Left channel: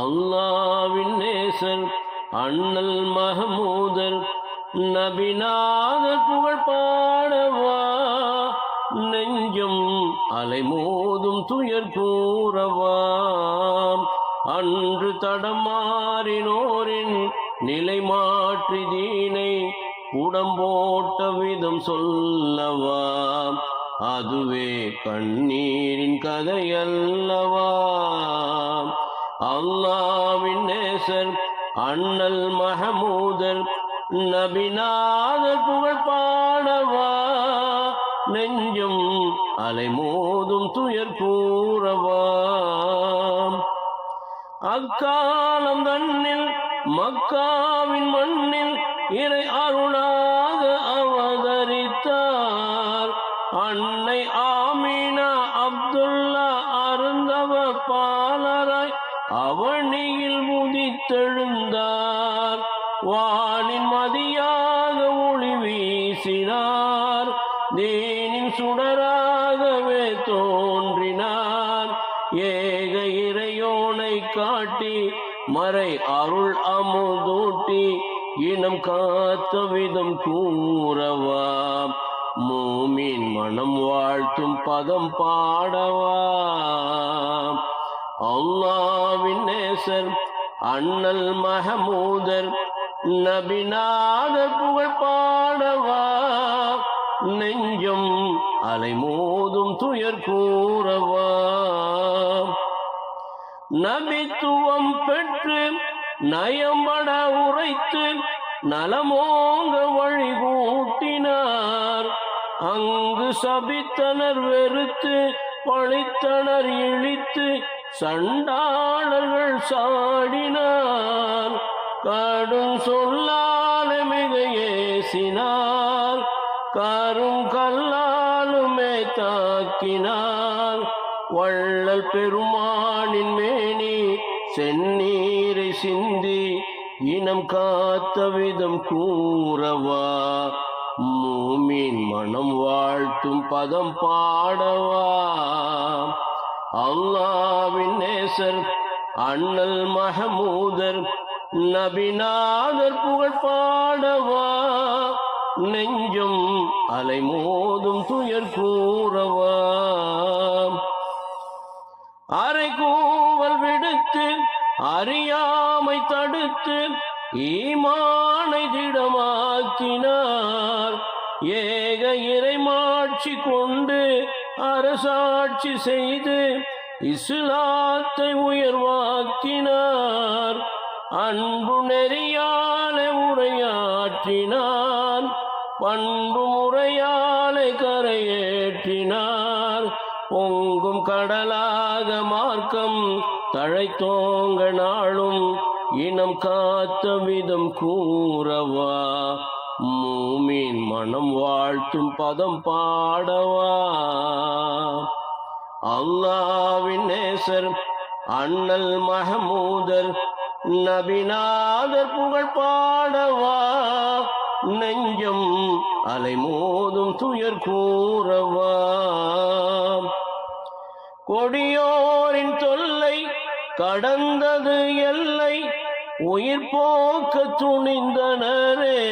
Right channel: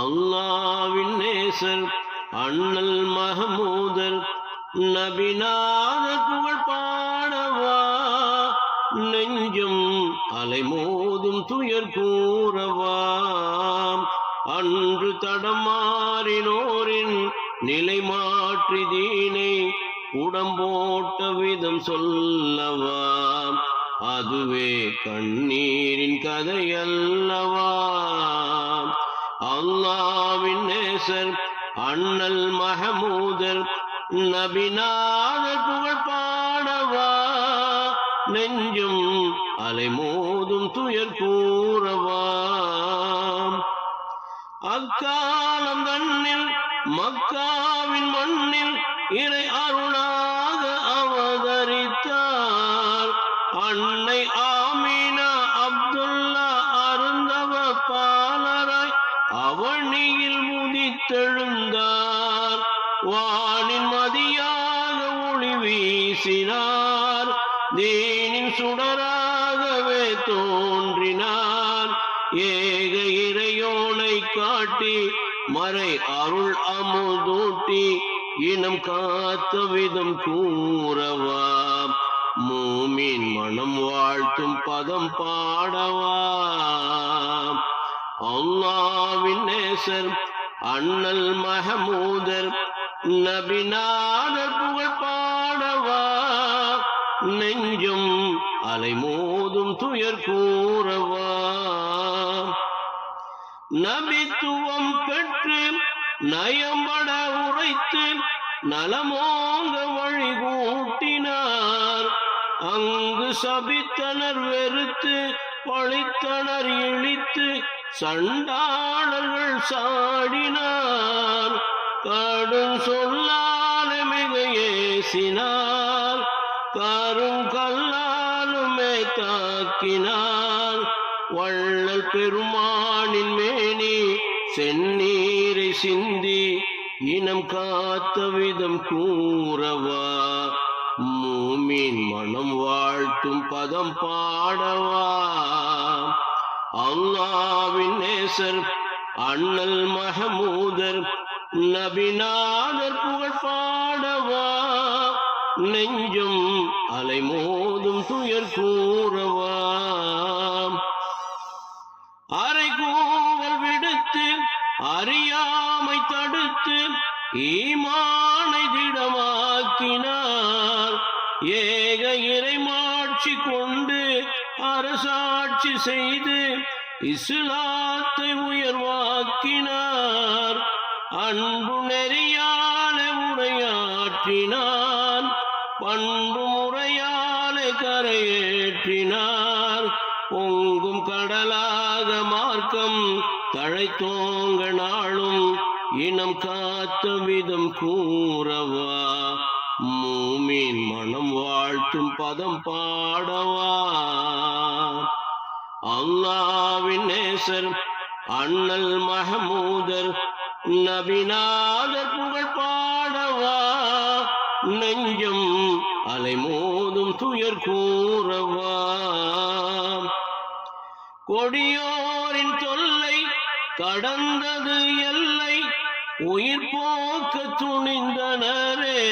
அல்லாவின் நேசர் அண்ணல் மகமூதர் நபிநாத புகழ் பாடவா. நெஞ்சம் அலைமோதும் துயர் கூறவாம் அன்று தடமாறினோரின் நிலை மாற்றி தீனை உடம்போட்ட விதம் சொல்லவாம் அதுவே கண்ணீரின் கதையல்லவா. அல்லாவின் நேசர் அண்ணல் மஹமூதர் நபிநாத புகழ் பாடவா. நெஞ்சும் அலைமோதும் துயர் கூறவாம் அக்காலம் தன்னில் மக்காவின் மண்ணில் இறை அருளாக அவதரித்தார். அன்னை ஆமீனா அவனியில் முதித்தெழுந்தார். வானின் மதியாக ஒளி வீசினார். தேனின் சுடராகவே தோன்றினார். ஏக இறையோனை காட்டி மறை அருள் அமுதூட்டி இனம் காத்த விதம் கூறவா. மூமின் மனம் வாழ்த்தும் பதம் பாடவா. அல்லாவின் நேசர் அண்ணல் மகமூதர் நபிநாத புகழ் பாடவா நெஞ்சம் அலைமோதும் துயர் கூறவா? நபித்துவம் பெற்று நயம்பட உரைத்து நலமோங்க வழி கூட்டினார் அங்கு சபித்தனர் வெறுத்து பழித்தனர் இழித்து சண்டாளர்கள் சாடினார். கடும் சொல்லால மிக ஏசினார் காரும் கல்லாலுமே தாக்கினார். வள்ளல் பெருமானின் மேனி செந்நீரை சிந்தி இனம் காத்த விதம் கூறவா. மூமின் மனம் வாழ்த்தும் பதம் பாடவா. அல்லாவின் நேசர் அண்ணல் மஹமூதர் நபிநாதர் புகழ் பாடவா. நெஞ்சம் அலைமோதும் துயர் கூறவா. அரை கூவல் விடுத்து அறியாமை தடுத்து ஈமானை திடமாக்கினார். ஏக இறைமாட்சி கொண்டு அரசாட்சி செய்து இஸ்லாத்தை உயர்வாக்கினார். அன்பு நெறியால உரையாற்றினார் பண்பு முறையால கரையேற்றினார். பொங்கும் கடலாக மார்க்கம் தழைத்தோங்க நாளும் இனம் காத்த விதம் கூறவா மீன் மனம் வாழ்த்தும் பதம் பாடவா. அல்லாவின் நேசர் அண்ணல் மஹமூதர் நபிநாதர் புகழ் பாடவா. நெஞ்சம் அலைமோதும் துயர் கூறவா. கொடியோரின் தொல்லை கடந்தது எல்லை உயிர் போக்க துணிந்தனரே.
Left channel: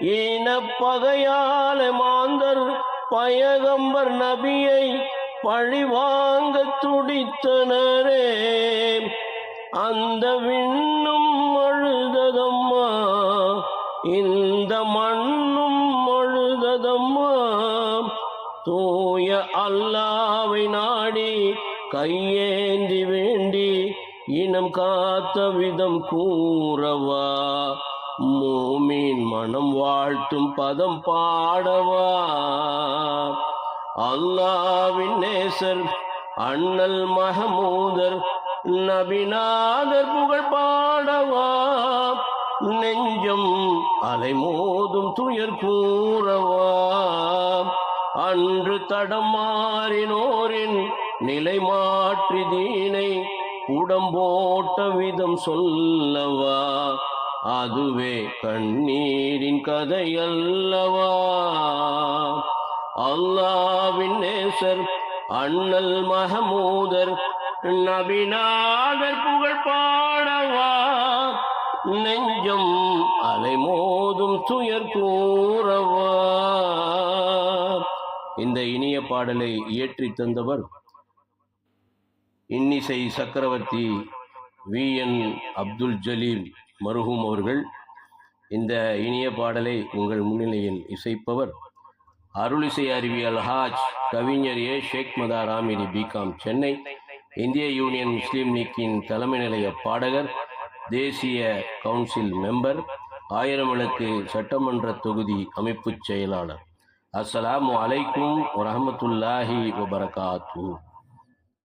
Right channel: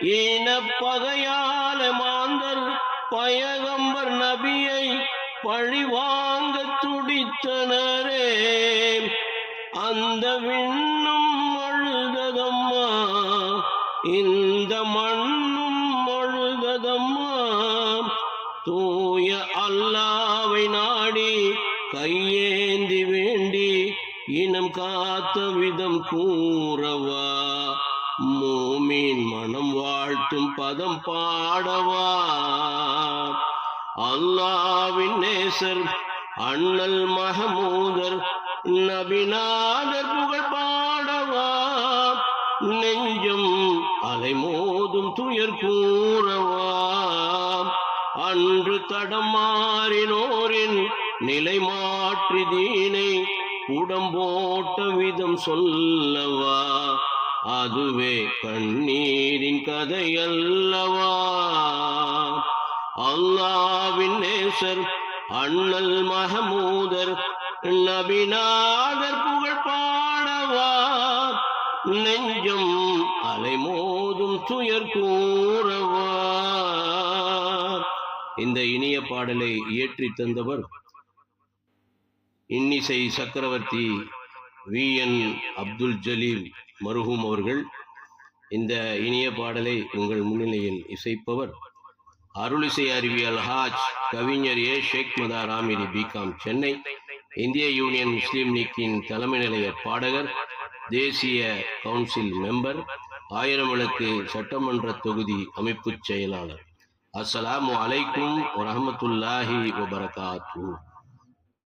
இனப்பகையால மாந்தர் பயகம்பர் நபியை பழிவாங்க துடித்தனரே. அந்த விண்ணும் அழுததம்மா இந்த மண்ணும் அழுததம்மா. தூய அல்லாவை நாடி கையேந்தி வேண்டி இனம் காத்த விதம் கூறவா. மூமின் மனம் வாழ்த்தும் பதம் பாடவா. அல்லாவின் நேசர் அண்ணல் மகமூதர் நபிநாதர் புகழ் பாடவா. நெஞ்சம் அலைமோதும் துயர் கூறவா. அன்று தடமாறினோரின் நிலை மாற்றி தீனை உடம்போட்ட விதம் சொல்லவா. அதுவே கண்ணீரின் கதையல்லவா? அல்லாவின் நேசர் அண்ணல் மஹமூதர் நபிநாதர் புகழ் பாடவா? நெஞ்சம் அலைமோதும் துயர் கூறவா? இந்த இனிய பாடலை இயற்றி தந்தவர் இன்னிசை சக்கரவர்த்தி வி என் அப்துல் ஜலீல். மருஹூம் அவர்கள் இந்த இனிய பாடலை உங்கள் முன்னிலையில் இசைப்பவர் அருளிசை அறிவியல் ஹாஜ் கவிஞர் ஏ. ஷேக் மதா ராமிரி பிகாம் சென்னை இந்திய யூனியன் முஸ்லீம் லீக்கின் தலைமை நிலைய பாடகர் தேசிய கவுன்சில் மெம்பர் ஆயிரம் விளக்கு சட்டமன்ற தொகுதி அமைப்புச் செயலாளர். அஸ்ஸலாமு அலைக்கும் வரமத்துல்லாஹி வபரகாத்துஹு.